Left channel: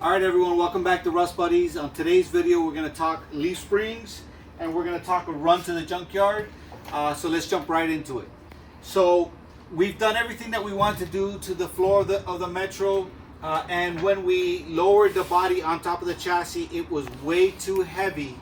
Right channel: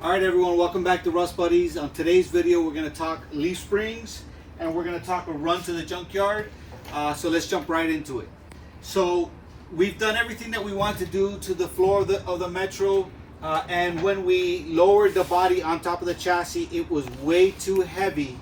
All right, everyone, welcome back to Rust Buddies. On today's video, we're going to talk leaf springs and we're going to talk a run to the junkyard. So let's jump right into it. So we've done everything that we want to do to the floor of the Metro. And when we lowered the body on top of the chassis, it was way too heavy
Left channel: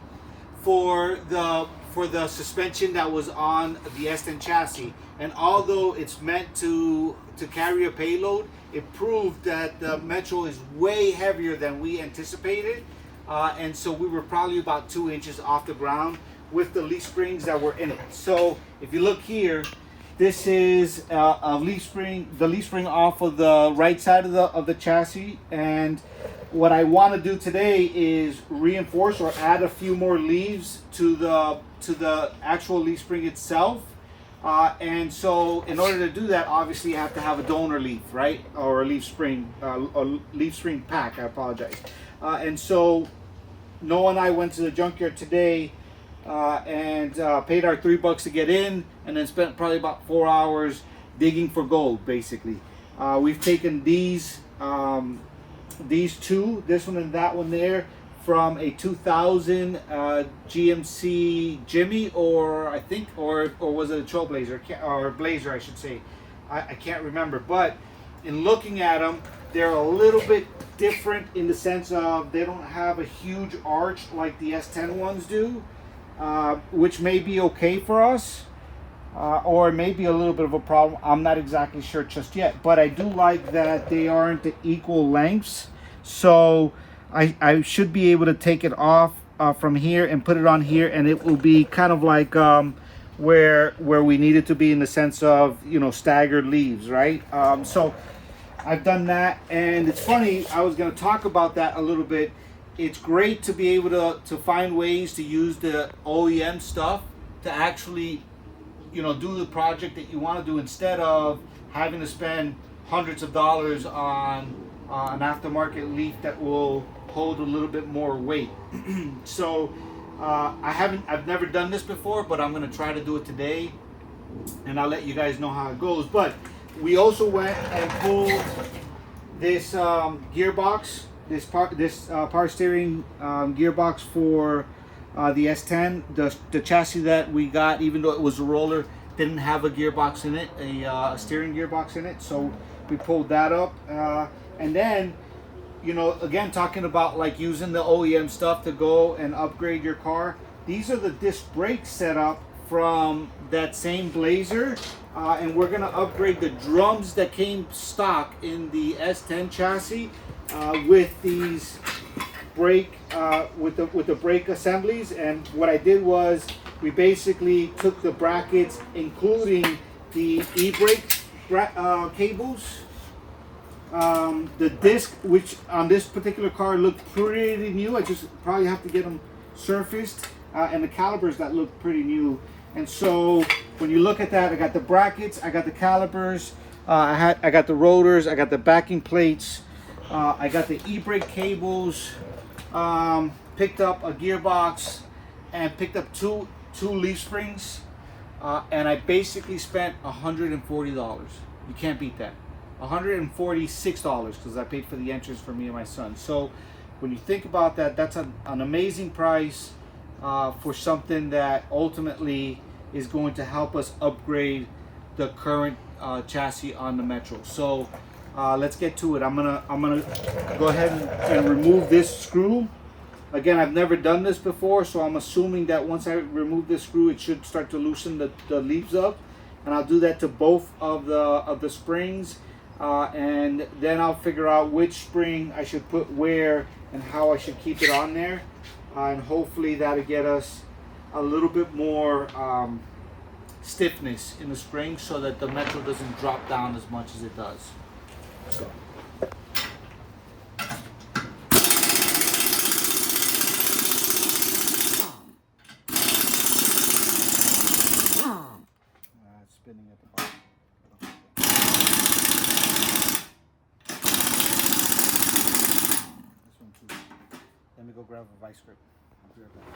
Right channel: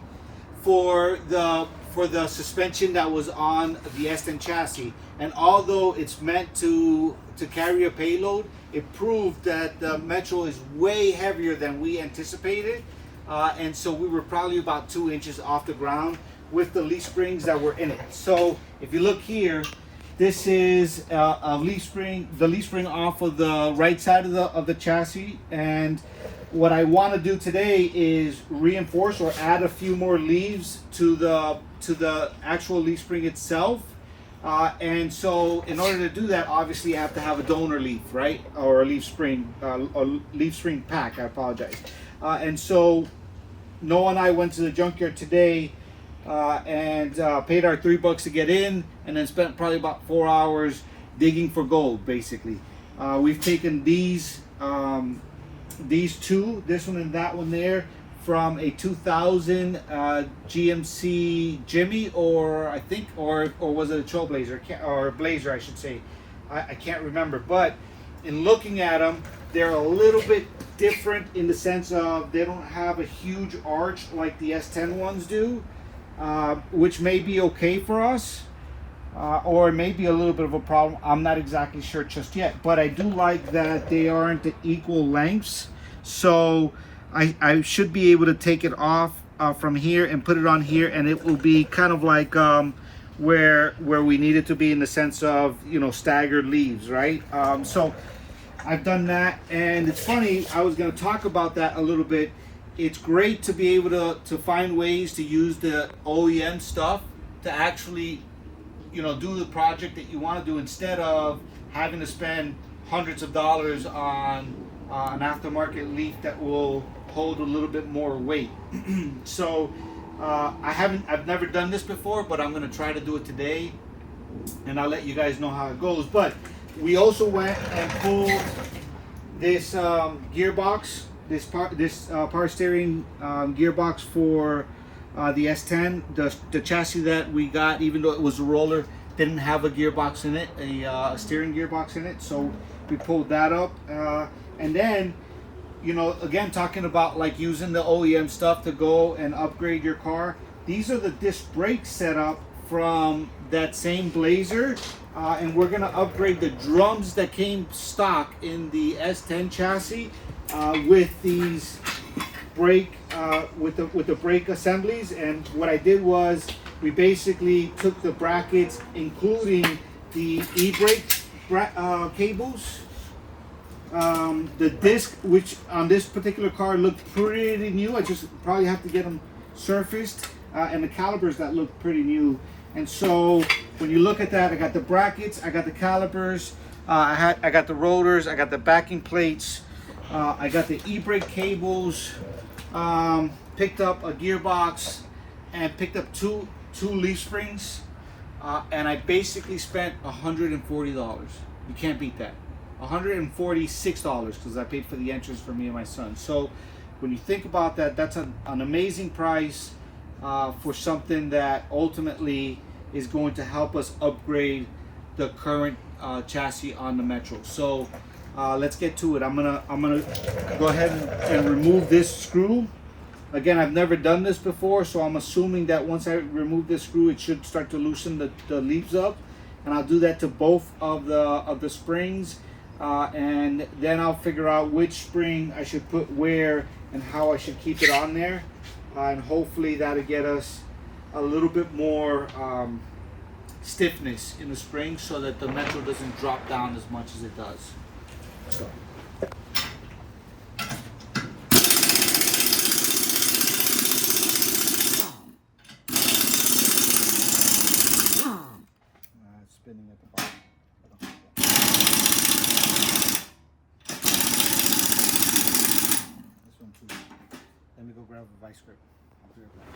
for the suspension that was on the S10 chassis. And although it's meant to carry a payload, it proved that the Metro is way heavier than we anticipated. And so we were probably about 2 inches off the ground with the leaf springs that were in it. So if you look here, this is a leaf spring, the leaf spring off of the right side of the chassis. And what I want to do today is reinforce or add a few more leaves to the actual leaf spring itself. And so in order to do that, obviously you have to have a donor leaf, right? Or a leaf spring pack, I apologize. And so Noah and I went to the junkyard today and paid our $3 to get in, and then spent probably about 4 hours digging for gold, basically. We've taken these two, this one and that one there, from a 2000 GMC Jimmy, or was it a Trailblazer, or Blazer, I should say. I can't remember, but in looking at them, they're a little bit different in the sense of they don't have a huge arch like the S10 ones do, which may be okay for us, or maybe a little bit of a problem. I'm not exactly sure just yet, but I do like that they aren't the equal lengths. So I should be able to take it off from here and put it on here, and it will be kind of like where we need it to be in the sense of, you know, staggered leaves, right? So I've done that, and it's funny, I was going to talk about that a little bit. It's great to be able to find ways to use the OEM stuff to actually, you know, do the project that you want to do, instead of having to spend hundreds of dollars on an aftermarket leaf that will hold a little bit more weight. So I've never done this before, but I'm going to try to do it today, and I'll let you guys know how it goes. But we also went and pulled this gearbox, this power steering gearbox for the S10. The chassis that we got, even though it was a roller, didn't have a gearbox in it, a steering gearbox in it. So we pulled that up, and then, you know, again, talking about like using the OEM stuff to go and upgrade your car. These are the disc brake setup from that same Blazer, and we're gonna upgrade the drums that came stock in the S10 chassis with these brake with the brake assemblies. And what I did was we basically took the brackets, including the e-brake cables, the disc, which on this particular car looked pretty new. I just probably have to get them surfaced, and the calipers that look pretty new. And so when you look at that, I got the brackets, I got the calipers, I got the rotors, I got the backing plates, I got the e-brake cables, picked up a gearbox, and picked up two leaf springs, and I basically spent $140. You can't beat that. $146, because I paid for the entrance for me and my son. So when you think about that, that's an amazing price for something that ultimately is going to help us upgrade the current chassis on the Metro. So let's get to it. I'm gonna go ahead and remove this screw. Again, I've never done this before, so I'm assuming that once I remove this screw, it should start to loosen the leaves up, and I'll do that to both of the springs, and then I'll figure out which spring I should put where and how I should keep it on there, and hopefully that'll get us a little bit more stiffness in the spring, so that the Metro doesn't drop down as much as it does. So. Spinning at the bottom. This one too. Let me go grab a vice grip. I'll be right back.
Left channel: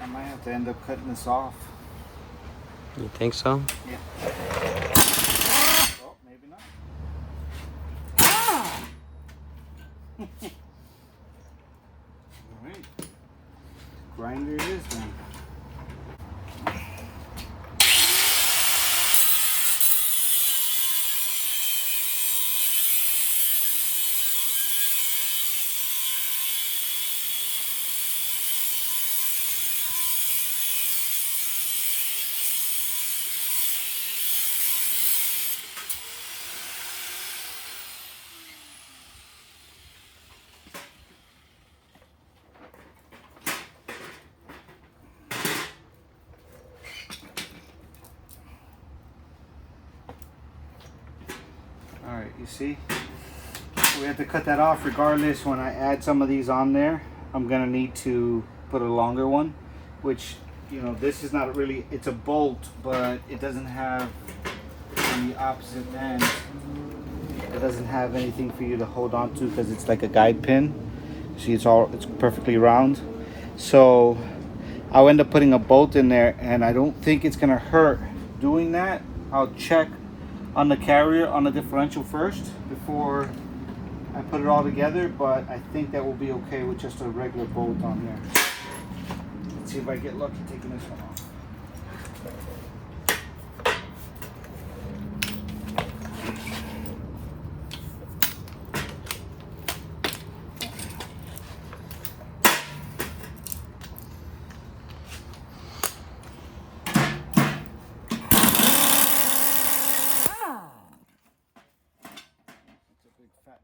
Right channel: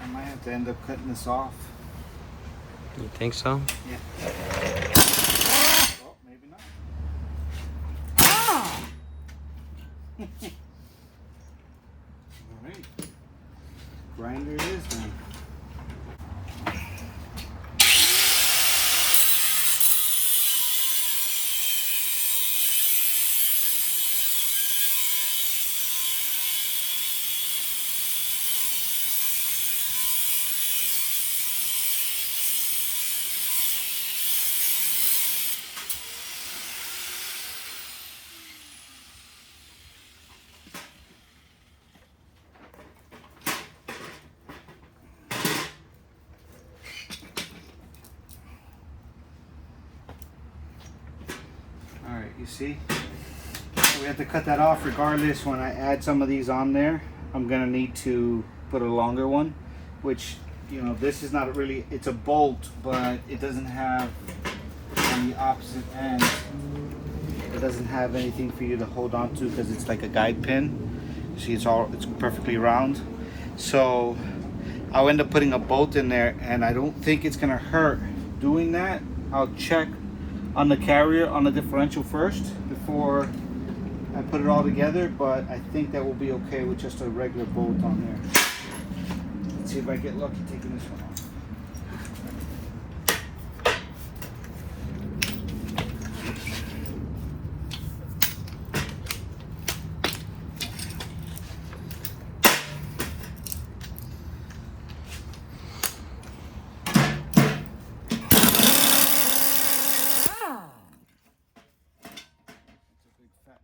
I might have to end up cutting this off. You think so? Yeah. Well, maybe not. Ah! All right. Grinder it is then. All right, you see? We have to cut that off regardless. When I add some of these on there, I'm gonna need to put a longer one, which, you know, this is not really, it's a bolt, but it doesn't have, on the opposite end, it doesn't have anything for you to hold on to because it's like a guide pin. See, it's perfectly round. So I'll end up putting a bolt in there, and I don't think it's gonna hurt doing that. I'll check on the carrier on the differential first before I put it all together, but I think that will be okay with just a regular bolt on here. Let's see if I get lucky taking this one off.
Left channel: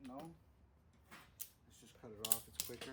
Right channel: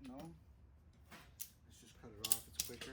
No. Let's just cut it off, it's quicker.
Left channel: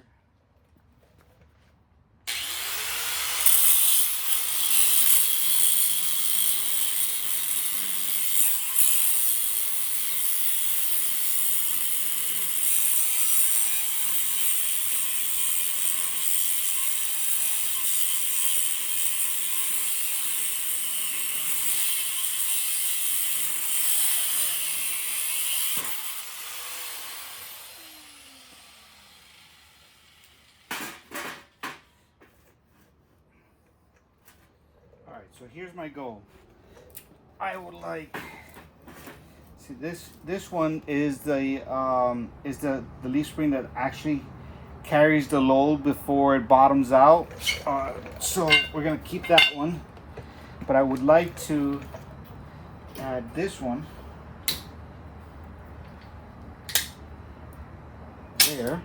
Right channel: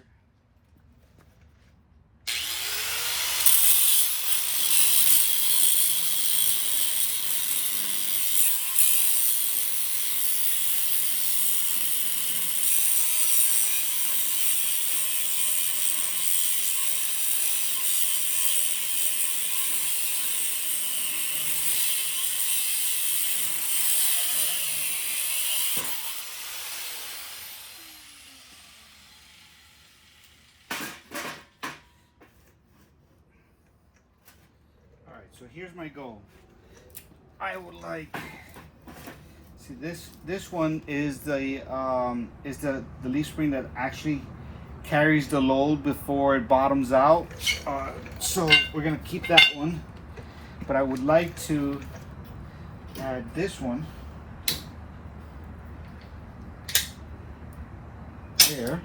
Alright, so here's my goal. I would like, see, this one is the leaf spring that actually carries the load before it bottoms out. So we're gonna keep that one, but I would like to add this one there,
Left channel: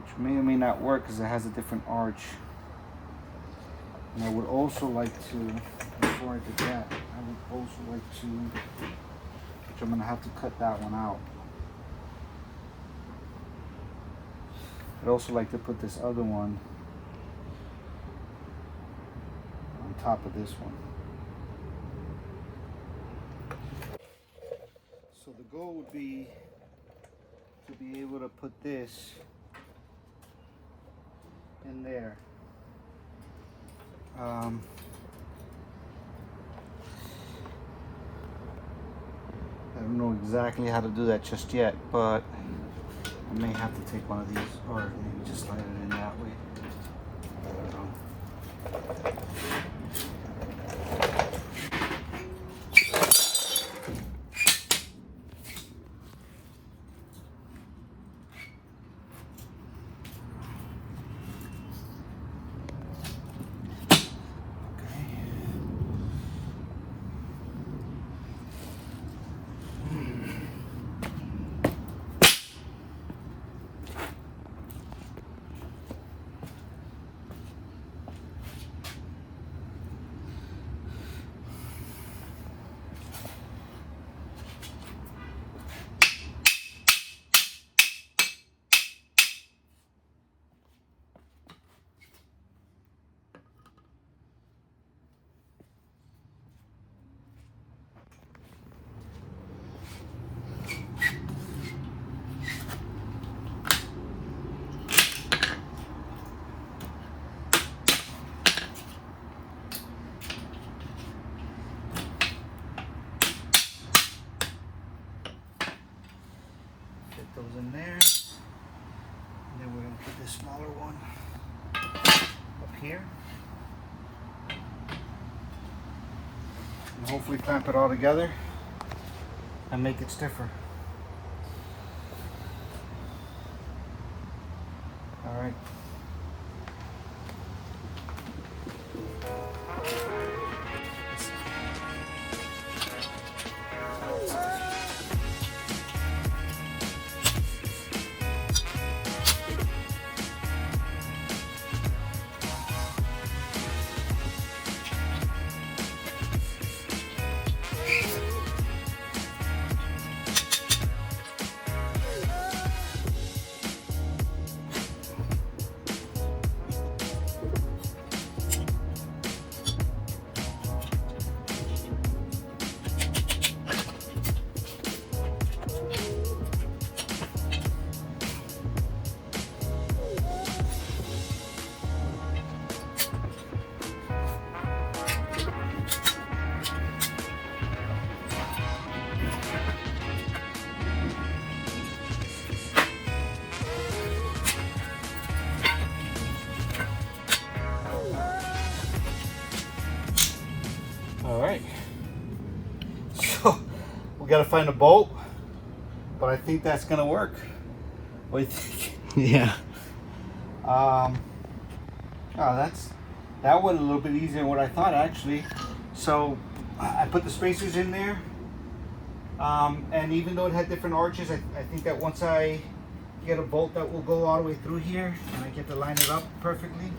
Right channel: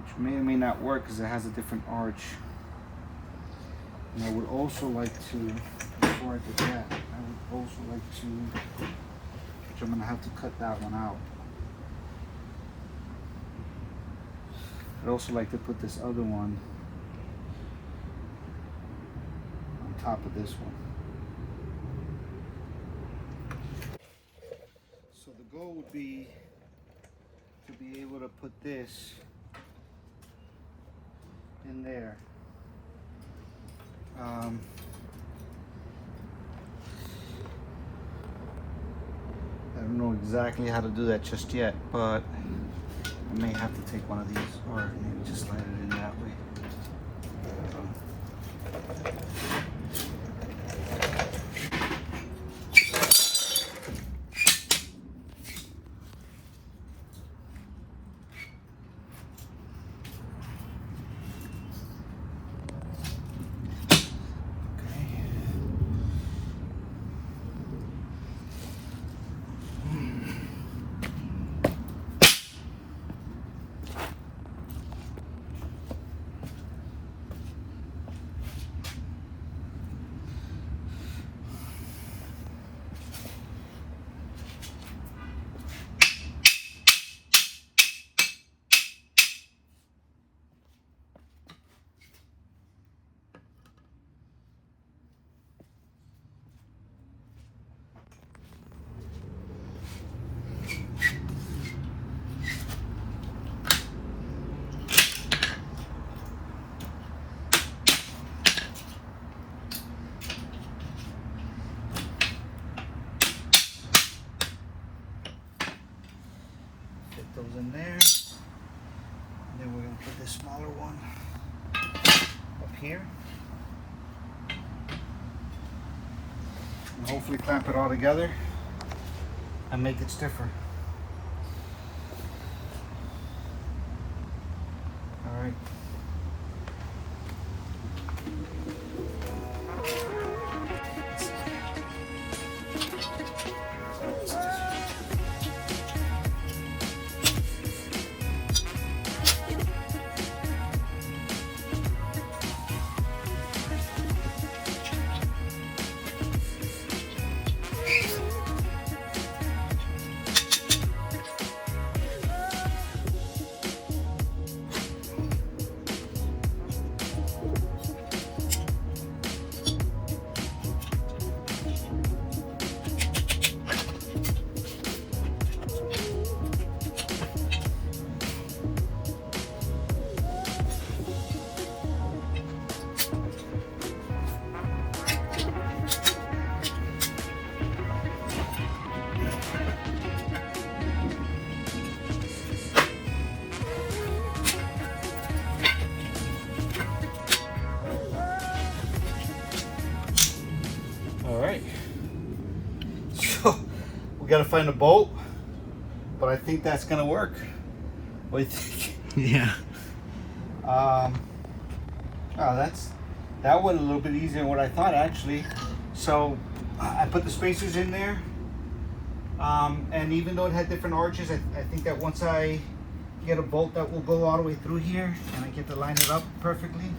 which may or may not work because it has a different arch. And I would also like to, before I do that, I would also like to, which I'm gonna have to cut that one out. I'd also like to put this other one on top of this one. So the goal would be to be able to put this in there. I don't know exactly how to do that just yet, but I may have to take one of these, or maybe just slide it in that way. and hopefully clamp it all together and make it stiffer. All right. All right, so we gotta find a bolt, but I think that's gonna work. What do you think? Yeah. That went a little bit easier than what I thought actually. So I put the spacers in there, and even though it had different arches, I think that once I get a bolt that will go all the way through here and I get to line it up perfectly,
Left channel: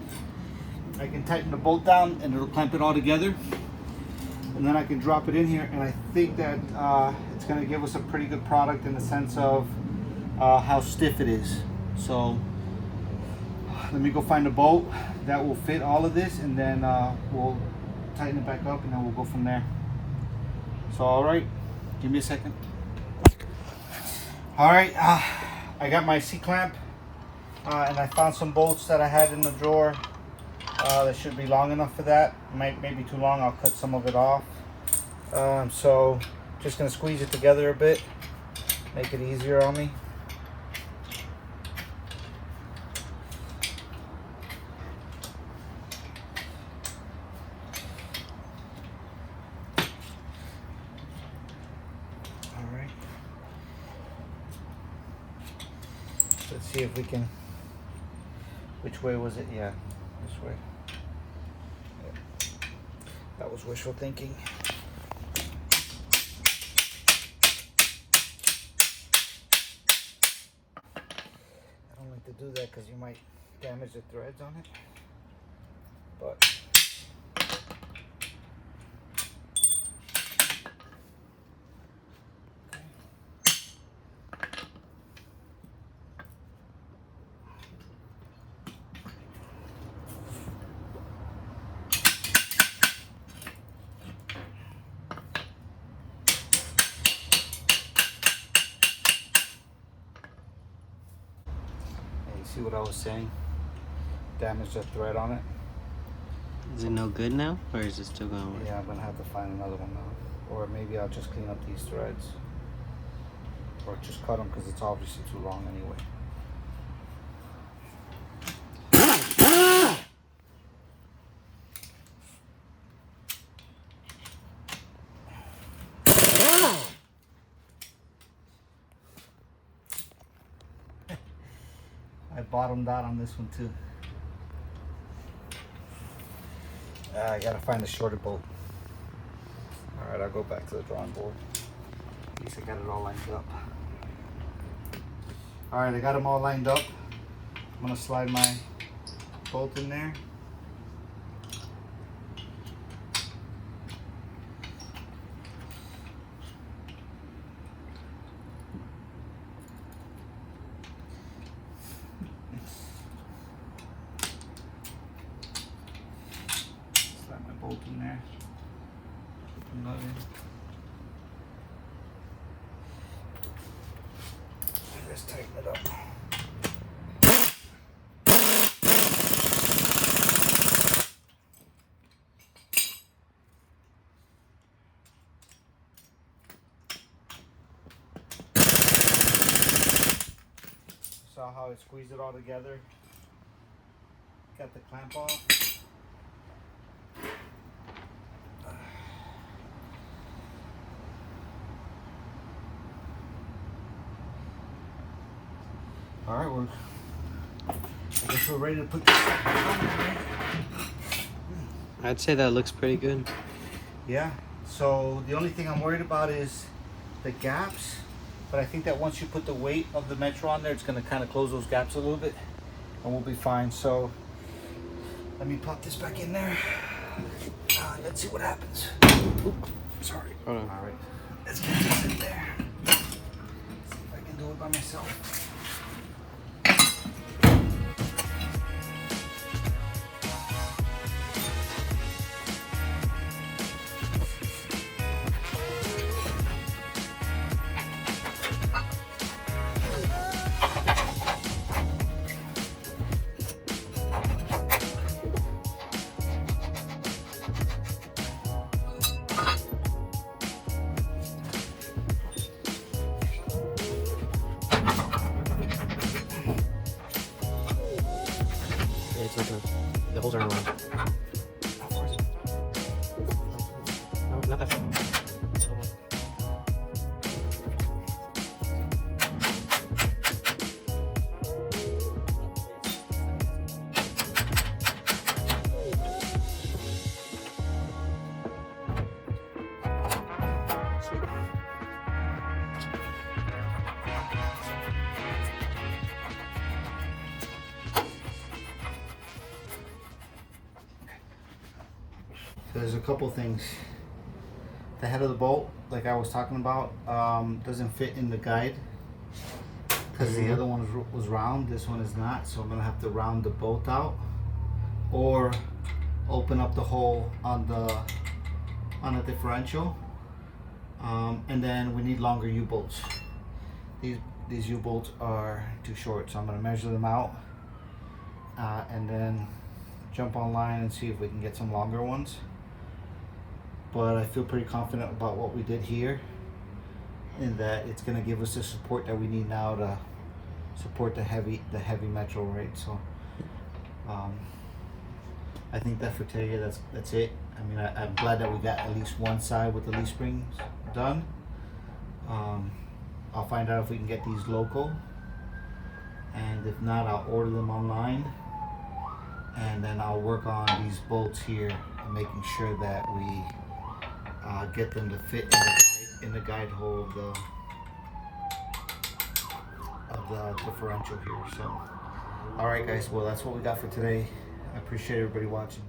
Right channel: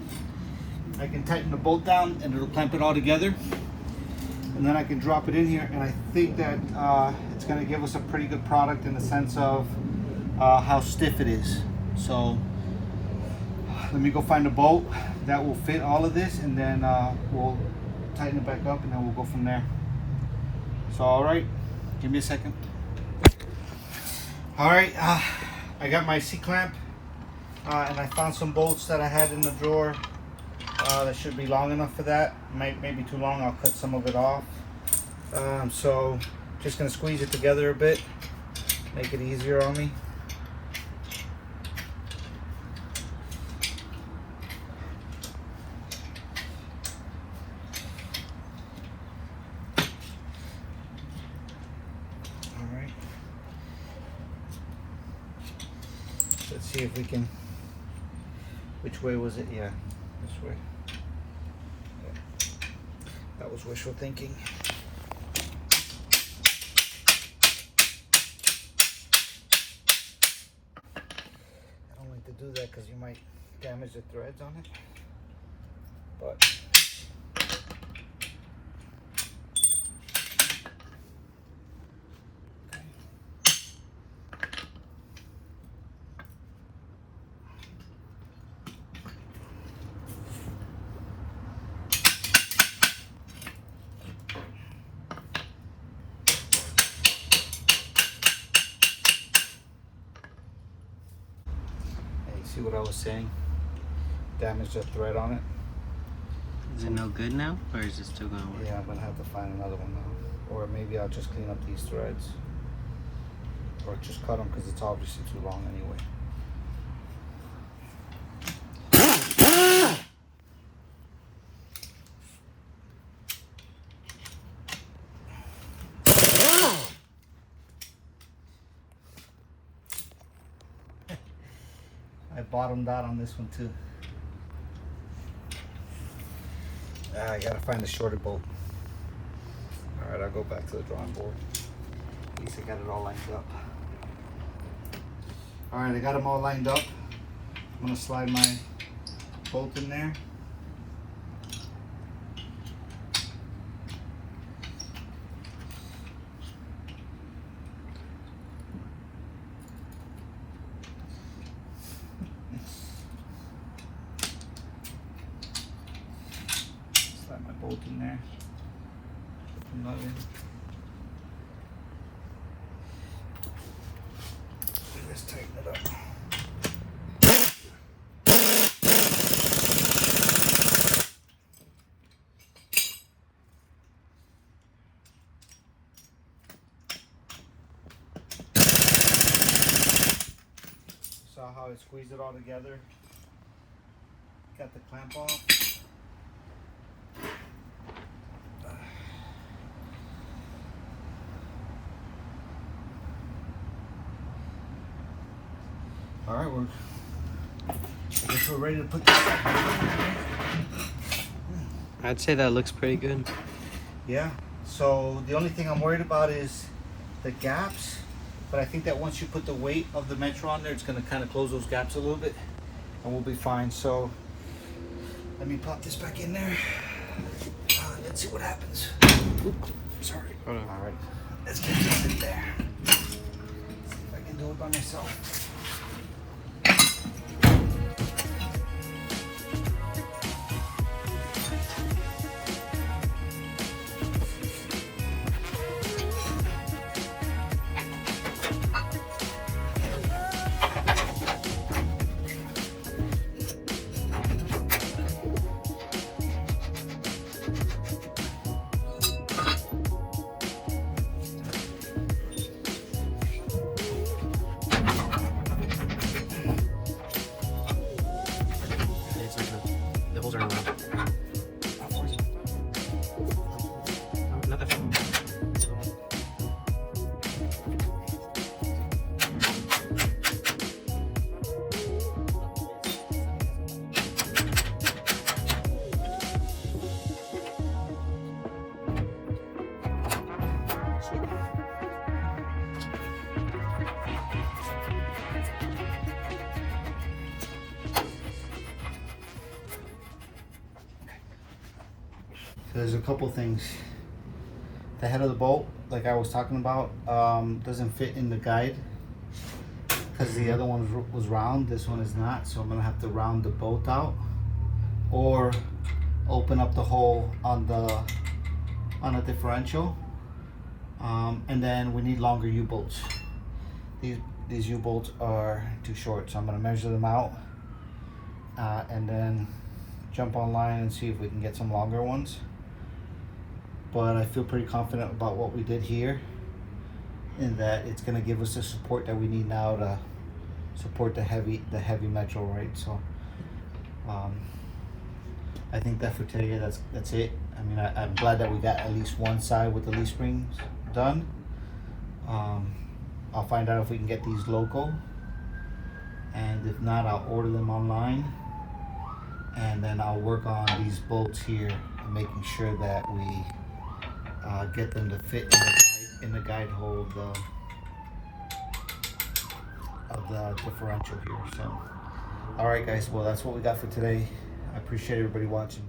I can tighten the bolt down and it'll clamp it all together. And then I can drop it in here, and I think that it's going to give us a pretty good product in the sense of how stiff it is. So let me go find a bolt that will fit all of this, and then we'll tighten it back up, and then we'll go from there. So all right, give me a second. All right, I got my C-clamp, and I found some bolts that I had in the drawer. That should be long enough for that. Maybe too long, I'll cut some of it off. So just gonna squeeze it together a bit, make it easier on me. All right. Let's see if we can, which way was it? Yeah, this way. That was wishful thinking. I don't like to do that because you might damage the threads on it. But see what I was saying? Damage the thread on it. Is it no good now, or is it still gonna work? Yeah, I'm gonna have to find another one now. Or maybe I'll just clean up these threads. Or just cut them because it's obviously too long anyway. I bottomed out on this one too. I gotta find a shorter bolt. Alright, I'll go back to the drawing board. At least I got it all lined up. Alright, I got them all lined up. I'm gonna slide my bolt in there. Slide my bolt in there. Put the nut in. And let's tighten it up. Saw how I squeezed it all together. Got the clamp off. All right, well, I guess we're ready to put this back on. I'd say that looks pretty good. Yeah, so the only thing I'm worried about is the gaps, but I think that once you put the weight of the Metro on there, it's gonna kind of close those gaps a little bit, and we'll be fine. So let me pop this back in there. Let's see what happens. Oop, sorry. Hold on. All right, let's get it in there. See if I can do it by myself. The holes are in line. No, not that far. There's a couple things. The head of the bolt, like I was talking about, doesn't fit in the guide because the other one was round. This one is not, so I'm gonna have to round the bolt out or open up the hole on the differential. And then we need longer U-bolts. These U-bolts are too short, so I'm gonna measure them out and then jump online and see if we can get some longer ones. But I feel pretty confident about what we did here, in that it's going to give us the support that we need now to support the heavy Metro, right? So I think that for today, that's it. I mean, I'm glad that we got at least one side with the leaf springs done. I'll find out if we can get these local, and if not, I'll order them online, and then I'll work on these bolts here and making sure that we get them to fit in the guide hole of the differential here. So, all right, guys. Well, that's what we got for today. I appreciate everybody watching.